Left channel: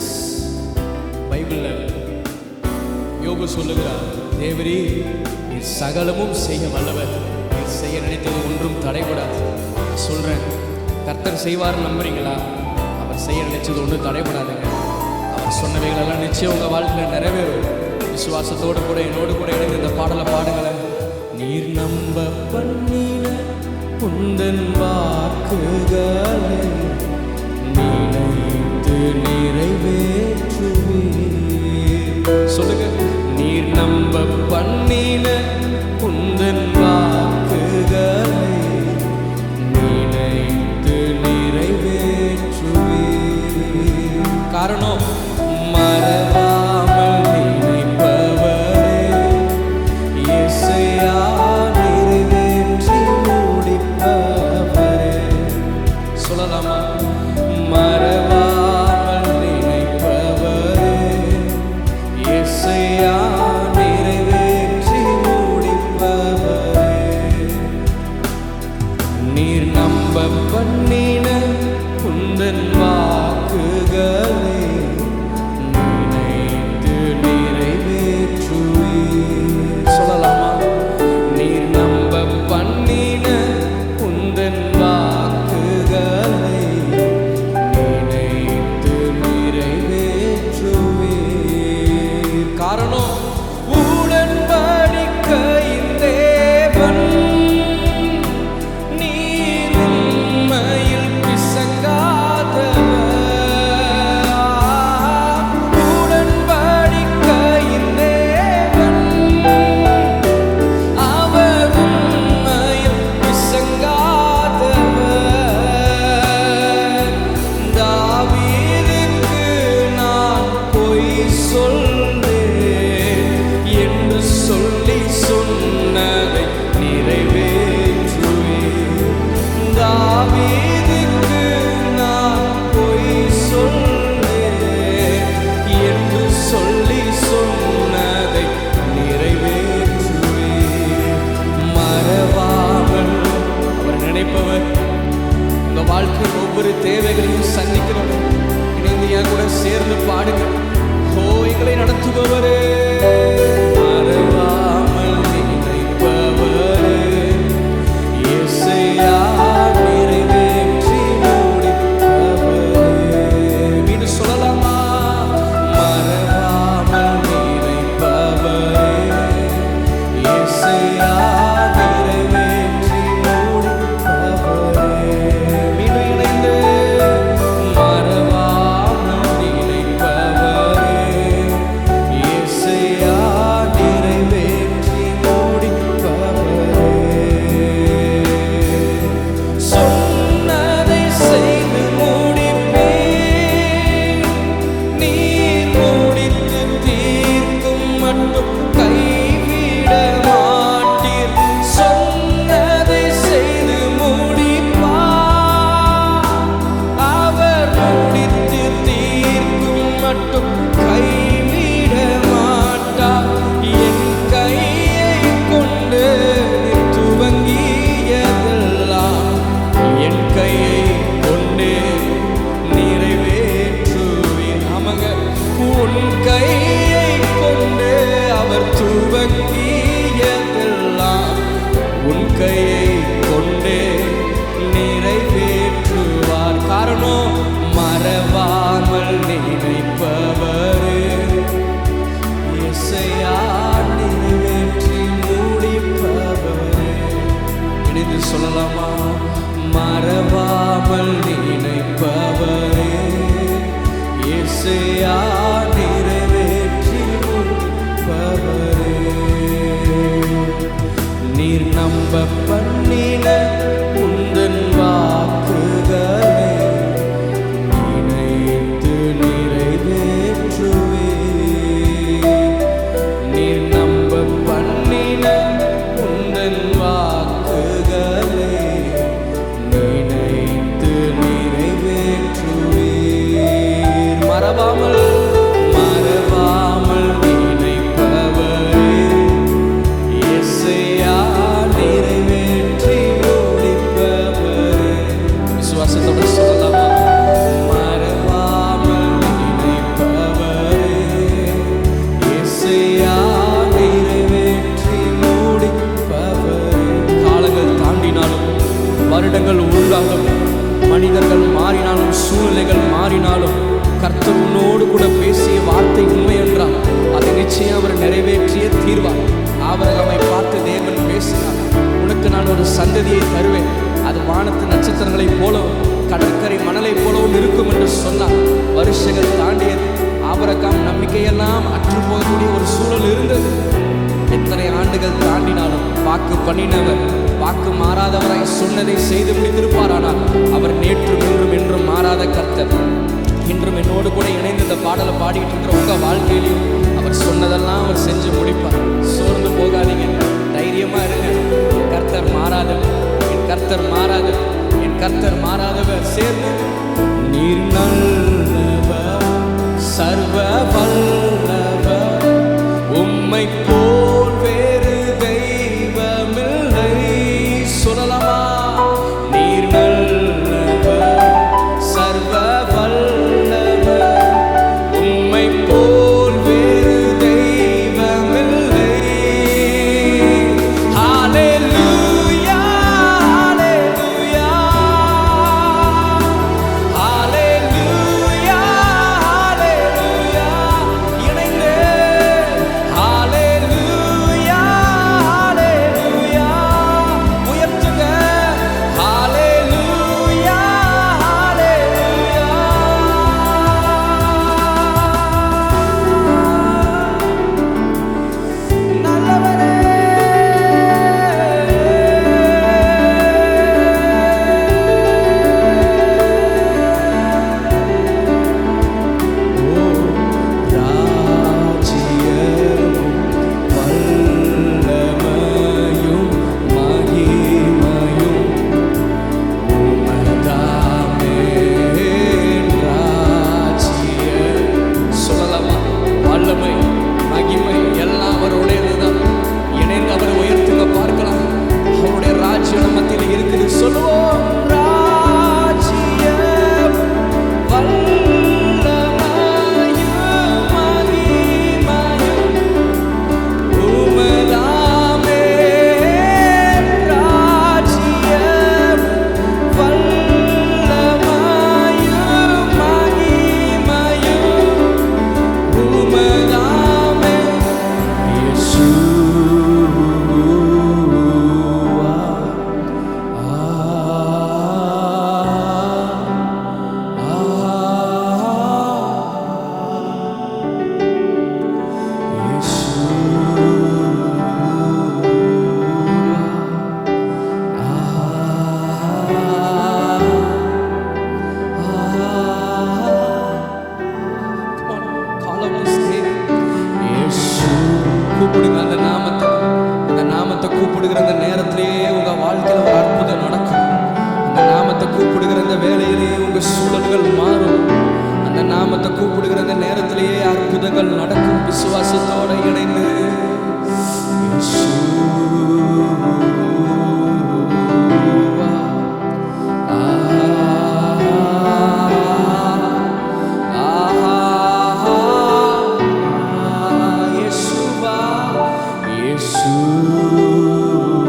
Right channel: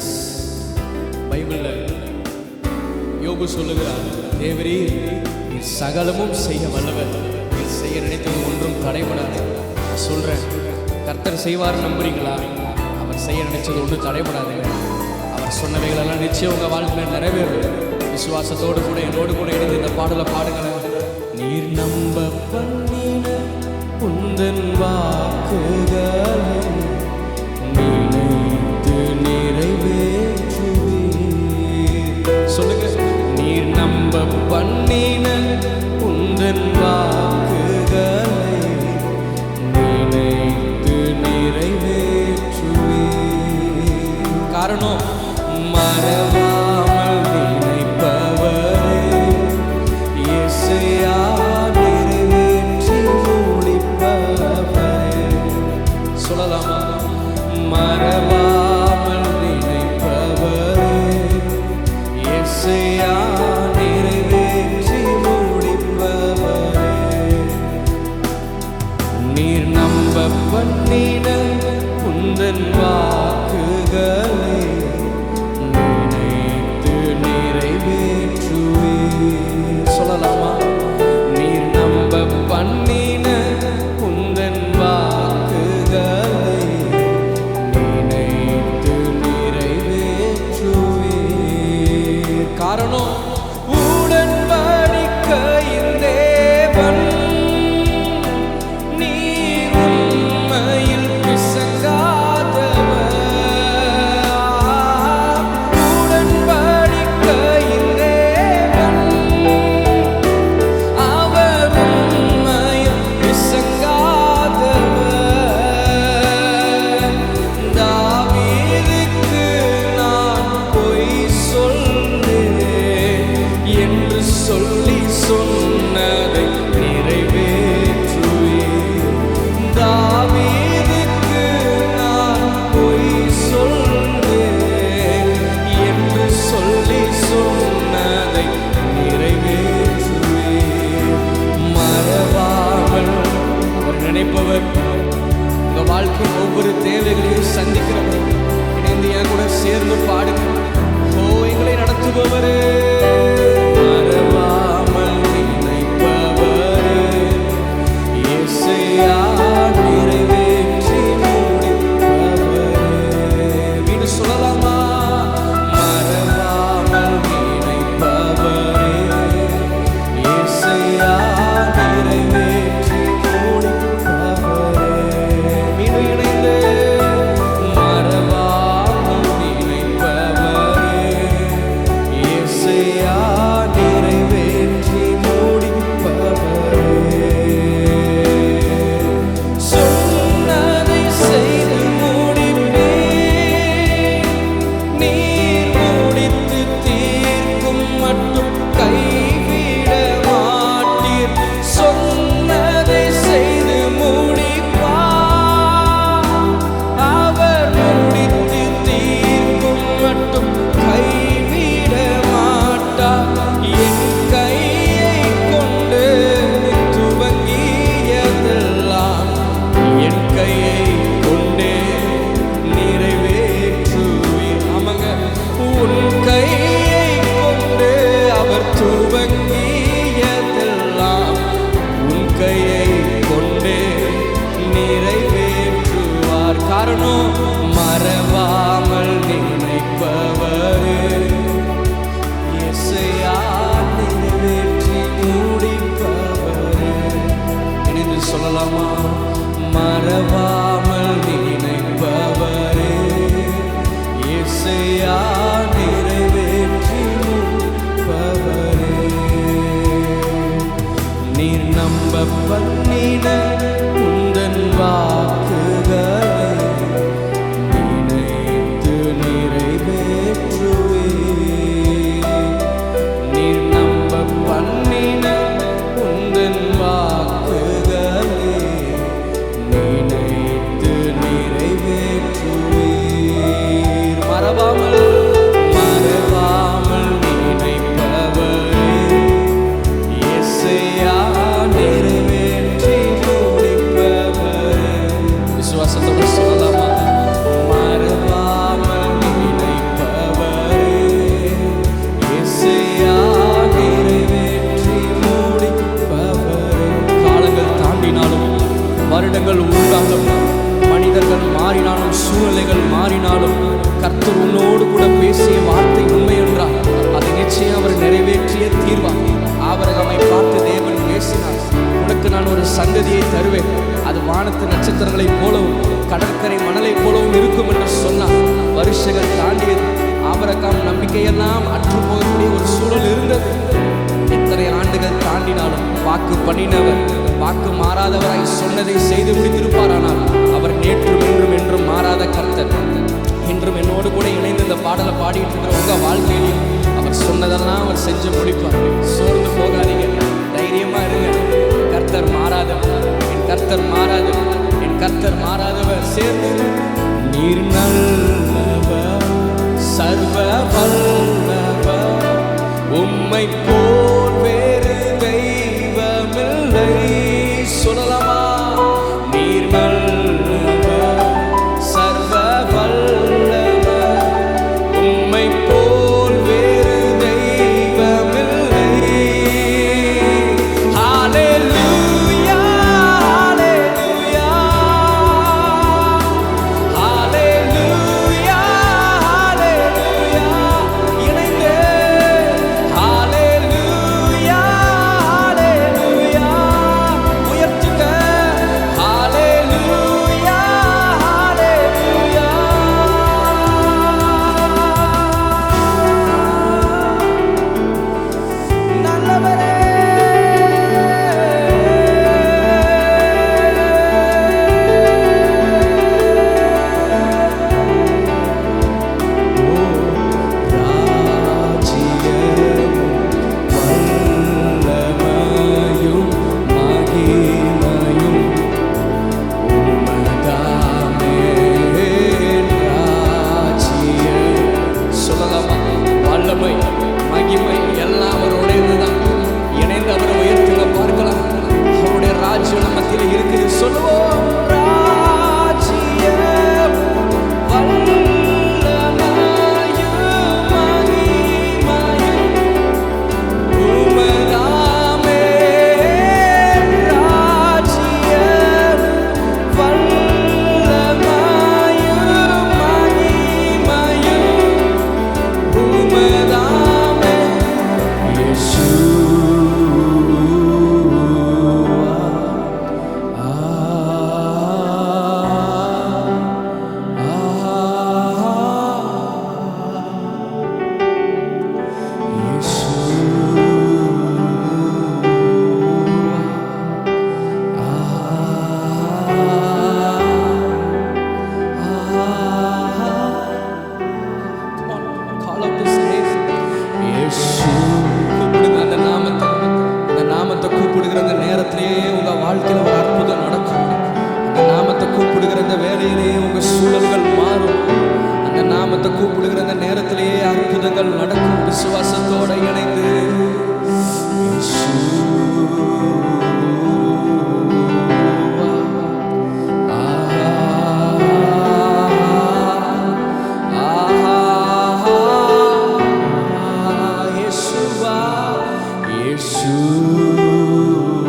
S பைபிளில் யோபு சொல்லுகிறார் தேவரி நீர் சகலமும் செய்ய வல்லவர். நீர் செய்ய நினைத்தது ஒன்றும் தடைபடாது. நான் சொல்கிறேன் கர்த்தர் செய்வார் நம்புறீங்களா? அவர் செய்ய நினைச்சது ஒன்றும் தடைபடாதுங்க. அவர் சொன்னவைகளெல்லாம் நிச்சயம் உங்கள் வாழ்க்கையில் நிறைவேறும். விசுவாசத்தோடு கூட என்னோடு கூட இணைந்து இந்த பாடலை பாடுங்களேன். நீர் நம்ப பண்ணின உந்தன் வாக்குகளை நினைத்து நிறைவேற்றுவீர். சொல்லுங்க நீர் நம்ப பண்ணின உந்தன் வாக்குகளை நினைத்து நிறைவேற்றுவீர். காரணம் மறவாமல் நினைப்பவரே இசையா நிறைவேற்றி முடிப்பவரே. சொல்லலாமா? மறவாமல் நினைப்பவரே. இசையா நிறைவேற்றி முடிப்பவரே. நீர் நம்ப பண்ணின குந்தன் வாக்குகளே நினைத்து நிறைவேற்றுவீர். சொல்லலாமா? நீர் நம்ப பண்ணின குந்தன் வாக்குகளே காரணம் உடன்படிக்க தேவன் நீர் உண்மையில் பிசங்காதவர். உடன்படிக்கையின் நிறைவேற்றுவே மறவாமல் அவர் நினைப்பவர். உங்க வாழ்க்கையின் ஒவ்வொரு தேவைகளையும் சந்திக்கிறவர். இணைந்து என் கூட சேர்ந்து பாடுங்க. ஹோ எங்களை நடத்துபவரே. மறவாமல் நினைப்பவரே. இசையா சொன்னதை செய்து முடிப்பா. அவர் முடித்து தீர்க்கும் மட்டும் கைவிட மாட்டார் என் கையை கொண்டு நீ துவங்கியதெல்லாம் என் கையை கொண்டே நிறைவேற்றுவீர். ஆமாங்க. உன் கையை கொண்டு அவர் துவங்கியதெல்லாம் உன் கையை கொண்டே நிறைவேற்றுவார். காரணம் மறவாமல் நினைப்பவரு. இசையா நிறைவேற்றி முடிப்பவரு. இணைந்து சொல்லலாமா? மறவாமல் நினைப்பவரே. இசையா நிறைவேற்றி முடிப்பவரே. நீர் நம்ப பண்ணின உந்தன் வாக்குகளை நினைத்து நிறைவேற்றுவே. நீர் நம்ப பண்ணின உந்தன் வாக்குகளை நினைத்து நிறைவேற்றுவீர். மறவாமல் மறவாமல் நீ இசையா நிறைவேற்றி முடிப்பவரே. விசுவாசத்தோட சொல்லலாமா? மறவாமல் நினைப்பவரே. இசையா நிறைவேற்றி முடிப்பவரே. காலங்கள் தாண்டினாலும் வருடங்கள் உருண்டாலும் மனிதர்கள் மாறினாலும் சூழ்நிலைகள் மாறினாலும் கர்த்தர் உன்னோடு கூட பேசிய வார்த்தை உண்மை என்றால் அதை நிச்சயம் அவர் நிறைவேற்றிய தீர்வார். ஆபரகமை பார்த்து தேவன் பேசினார். உனக்கு நான் ஒரு சந்ததியை தருவேன். அது வானத்து நட்சத்திரங்களைப் போலவும் கடற்கரை மணலைப் போலவும் இருக்கும் என்று சொன்னார். வருஷங்கள் தாண்டியது. ஆபரகாம் நம்பிக்கையெல்லாம் அற்று போகக்கூடிய ஒரு சூழல் இருந்தது. எத்தனை ஆண்டுகள் தாண்டினாலும் வாக்கு பண்ணினவர் வாக்கு மாறாதவராய் சொன்னதை செய்து முடித்திருப்பார் ஆனால் அவர் நேற்றும் இன்றும் என்றும் மாறாத கர்த்தர். இன்றும் என்னோடு கூட இணைந்து இந்த பாடலை பாடிட்டு இருக்கிற உங்க வாழ்க்கையிலையும் அவர் சொன்னதெல்லாம் அவர் செஞ்சு முடிப்பார். சோர்ந்து போகாதீங்க. தைரியமாக இருங்க. என் கர்த்தர் மாறாதவர். என் கர்த்தர் மாறாதவர். என் கர்த்தர் மாறாதவர். சேர்ந்து நீர் நல்லவர் சர்வ வல்லவர். உம்மை போல் வேறு தெய்வமில்லை. சொல்லலாமா? நீர் நல்லவர் சர்வ வல்லவர். உம்மை போல் இணைந்து அவரை உயர்த்துங்க பார்க்கலாம். அவருடைய ராஜ்யம் நம்ம மத்தியில் இருக்குது. சொல்லுவோம் ரா call out his கூப்பிடுங்க அந்த நாமத்தை. அந்த நாமத்தை கூப்பிடுகிற அந்த நேரத்திலேயே உங்கள் வாழ்க்கையில் ஒரு அற்புதம் நடக்கும். அந்த நாமத்தை கூப்பிடுகிற அந்த வேலையிலேயே உங்கள் சூழல்கள் மாறும். அந்த நாமத்தை கூப்பிடுகிற அந்த நேரத்திலேயே அற்புதங்கள் நடக்கும். விசுவாசத்தோடு இணைந்து. இயேசுவா Jesus.